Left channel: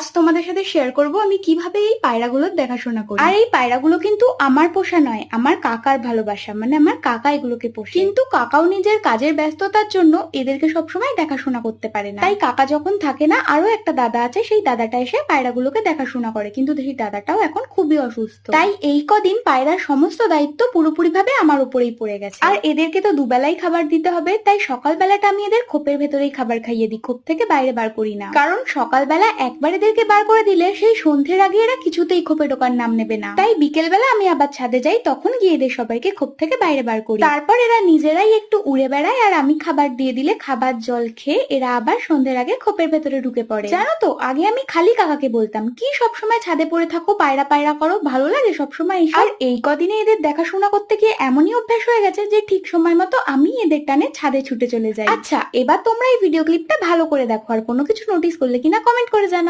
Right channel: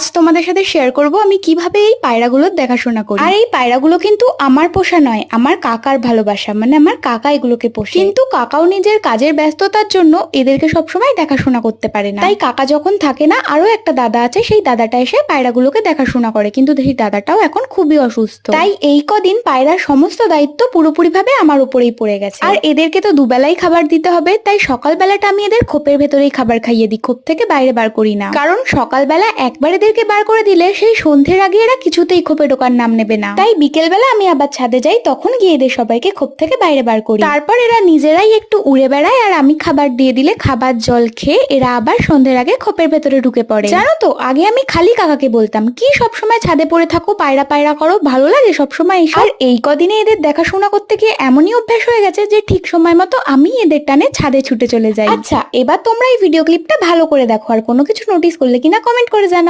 আজ তোমাদের সাথে শেয়ার করব আমি কিভাবে এই পায়রাগুলোর দেখাশোনা করি। আর এই পায়রাগুলো কিন্তু আমার পোষা নয়, আমার কাকার ভালোবাসা, মানে আমার কাকা এগুলোকে পোষে। কিন্তু কাকাও নিজের কাজের ব্যস্ততার জন্য এদেরকে সবসময় দেখাশোনা করতে পারে না। তাই কাকা যখন থাকে না, আরো একটা দাদা আছে, সেই দাদাটা এসে পায়রাগুলোকে দেখাশোনা করে। কিন্তু সেই দাদাটাও এখন খুবই অসুস্থ, তাই এই কদিন পায়রার সমস্ত দায়িত্ব পুরোপুরি ভাবে আমার উপরেই পড়ে গেছে। আর এদেরকে তো দুবেলাই খাবার দিতে হবে, তাই সকালবেলাটা আমি এদের খোপের ভেতরেই খাবার খাইয়ে দিই, খোপ থেকে বাইরে বার করি না। কারণ সকালবেলা একবার এদেরকে বার করে দিলে সেই সন্ধ্যের আগে এরা কিছুতেই খোপে ঢোকার নাম নেবে না। তাই বিকেলবেলা আমি আবার ছাদে যাই, তখন গিয়ে এদের সবাইকে খোপ থেকে বাইরে বার করি। তারপর এরা নিজেরাই একটু উড়ে বেড়ায়, আর আমি খাবার দিয়ে দিলে খাবার জল খেয়ে এরা আবার সন্ধ্যের আগে খোপের ভেতরে ঢুকে পড়ে। জানো তো, আগে আমি খালি কাকাকে বলতাম, কি সবসময় ছাদে পড়ে থাকো, পায়রা পায়রা করো, ভালো লাগে সবসময় এসব। আর এই কদিনে এদের দেখাশোনা করতে গিয়ে এমনই অভ্যাস হয়ে গেছে যে ঠিক সময় মতো আমি এদের টানে ছাদে ছুটে চলে যাই। আচ্ছা, এবার তোমরা এই ভিডিও ক্লিপটা ভালো করে দেখো, আর কোনো কিছু নোটিস করলে কিনা কমেন্ট করে জানাও।